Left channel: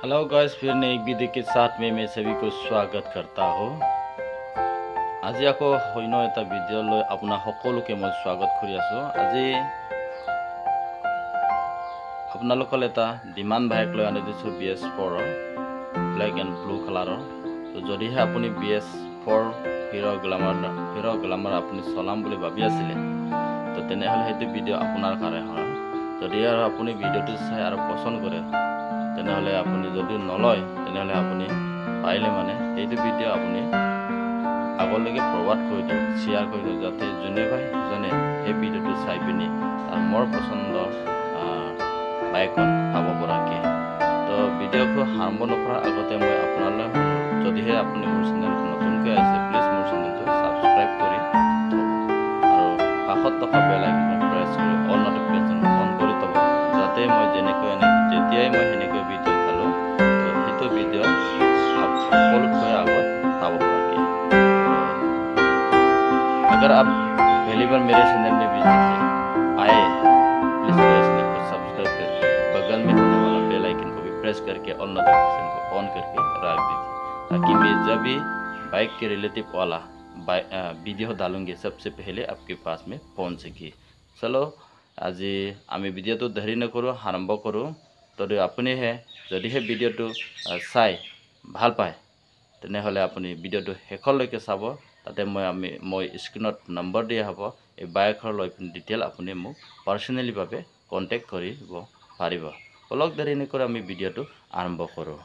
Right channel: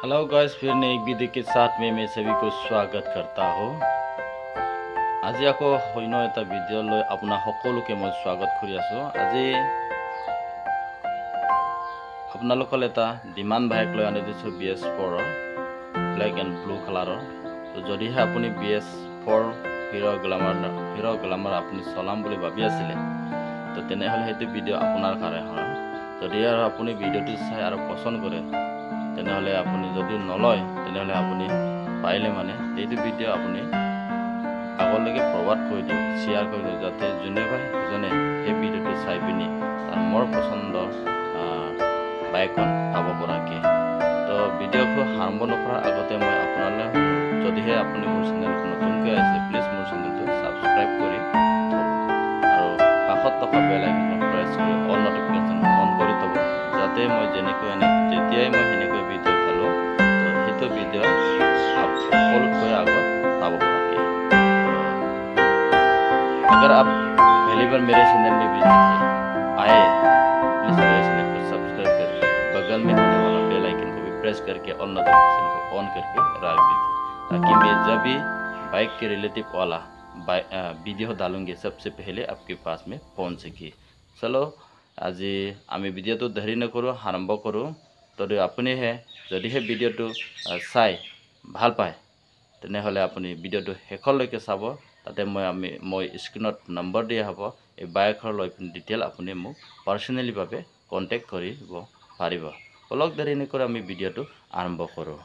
Hello guys, फिर नई एक वीडियो के साथ में मैं सभी को स्वागत करता हूँ। आज আকৌ অন্য এটা ভিডিও লৈ আপোনাক সকলোকে মই স্বাগত কৰি আছো। আজি আপোনালোকৰ এটা ডিমান্ড বাইক লৈ আনি দিছো BS4 ব্ল্যাক এন্ড ব্লু কালাৰৰ। তো যদিহে আপুনি BS4 হিৰো গ্লামাৰ আপুনি চলাম বুলি ভাবি আছিল তো তেনেহলে সেইটো ভিডিও আপোনাৰ কাৰণে হয়। যদি আৰু আপুনি ভিডিওটো চাই আৰু পছন্দ কৰে তেনেহলে আপুনি যদি নলয় তেনেহলে আপুনি পাইলে মানে এইটো ভিডিও আপুনি আগলৈকে ফৰৱাৰ্ড কৰি দিয়ক, শ্বেয়াৰ কৰি দিয়ক, যাতে যোনে ভাই জনে এই ভিডিওটো চাই পিনি তাৰ মোৰ পছন্দৰ বাইকখন পাব পৰাকে। তো ভিডিওটো আৰম্ভ নকৰাৰ আগতে মই আপোনালৈ যদিহে আপুনি মোৰ চেনেলটো নতুনকৈ আছে প্লিজ মোৰ চেনেলটো সাবস্ক্ৰাইব কৰি থব আৰু কাষত থকা বেল আইকনখন প্ৰেছ কৰি অল নটিফিকেশ্যন অন কৰি থব, যাতে মই যেতিয়াই মই সেনেকৈ ভিডিও ঢালো তো সেইটো ভিডিও সকলোতকৈ আগত পাব পৰাকে। अगर आप पहली बार मेरे चैनल में विजिट आए प्लीज़ मेरे चैनल को सब्सक्राइब करके बगल में होने वाला बेल आइकन को भी प्रेस करके ऑल नोटिफिकेशन को ऑन करके रख दीजिए, ताकि मैं जब भी बाइक के रिलेटिव वाला वीडियो डालूंगी सबसे पहले आपके पास में पहुंच सके। चलो आज आमी भिडिओ तो देरी नकरो, आरम्भ करो। तो अपनी है जदि भिडिओ तो चाई ভাল पाए তেনেহলে আপুনি ভিডিওটো শেষলৈকে চাব, তাতে মই স্ক্ৰীনত নম্বৰ দিয়া হ'ব। এই বাইকৰ লৈ ডিটেইল আপুনি মোক পাৰ্সোনালি ভাবে কন্টাক্ট কৰিব পাৰিব। অলক দেৰি নকৰি আমি ভিডিওটো আৰম্ভ কৰোঁ।